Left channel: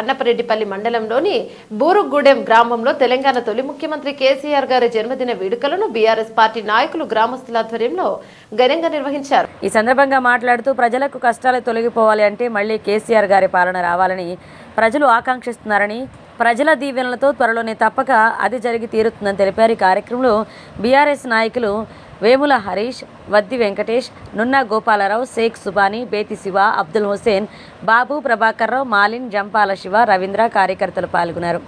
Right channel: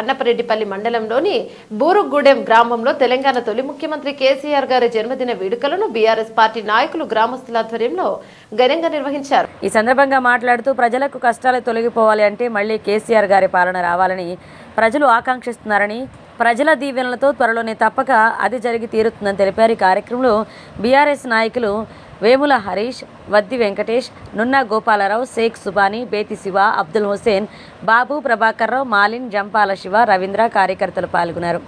అన్నపరెడ్డిపల్లి మండలంలోని బూరుగూడెం గ్రామంలో తెలంగాణ తొలి ముఖ్యమంత్రి కేసీఆర్ గారి జన్మదిన వేడుకలను బీఆర్ఎస్ పార్టీ నాయకులు గ్రామస్తుల ఆధ్వర్యంలో ఘనంగా నిర్వహించారు. ఈ సందర్భంగా మాట్లాడుతూ ప్రజలకు కష్టాలు తొలగిపోవాలి అంటే మళ్ళీ కేసీఆర్ గారి పాలన రావాలని ప్రజలు ఆకాంక్షిస్తున్నారని ప్రజల దీవెనలతో త్వరలోనే తప్పక అది జరిగి తీరుతుందని తెలిపారు. ఈ కార్యక్రమంలో బీఆర్ఎస్ నాయకులు వేముల హరీష్ వద్ది వెంకటేష్ నున్నా గోపాలరావు షేక్ సుబాని బేతి శివ అబ్దుల్ హుసేన్ బాబు ప్రభాకర్ రావు మాలిన్ జంపాల శివ రవీంద్ర కార్యకర్తలు పాల్గొన్నారు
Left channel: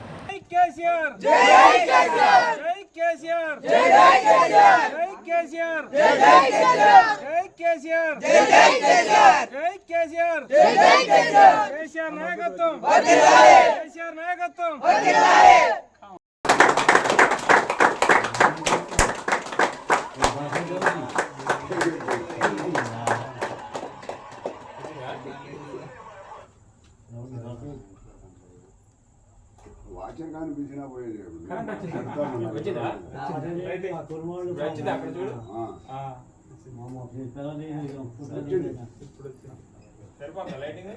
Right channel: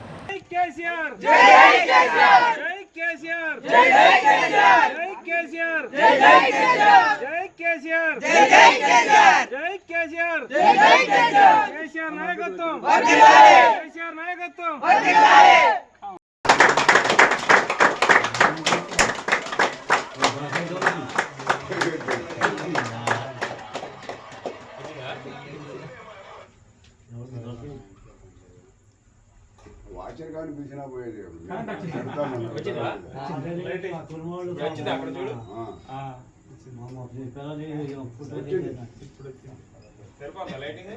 నాయకత్వం వాచర్ కానీ పిలిచినా పోయేది వచ్చిందా? వచ్చిందా? అక్కడ చూడు? సరిపోతా లైటింగ్?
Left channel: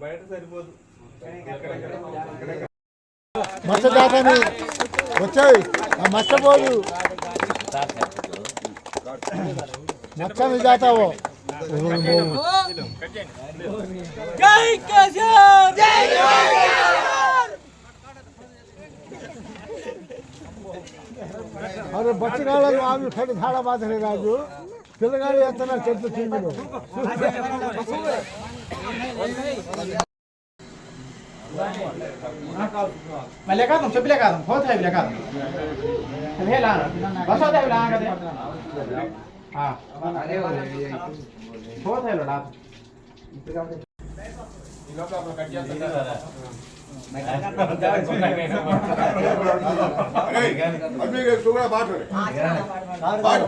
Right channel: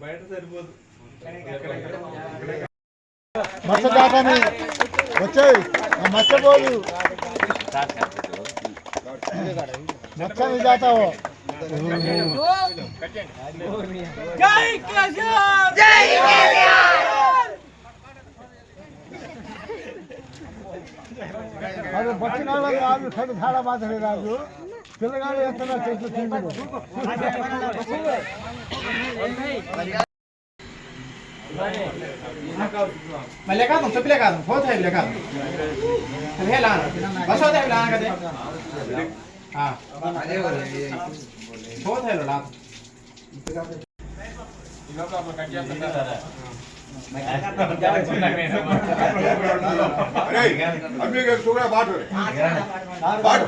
బయట సరిపోదు. దాటాను వచ్చాయి. మస్తపోదు नक्शा मिल जाता वो जय काश्याप जय अरे बच्चा लोग आप खड़े झाड़ा बात है राजू పిల్లగాడు ఎత్తనా చెట్లు తీరు మరి లేకాదు చెప్పి లేకాదు పోతే లేకాదు నువ్వే లాను బస్ అవుతా లాను కదా పోతే లాను అభిగా చూడ పాటు పాటు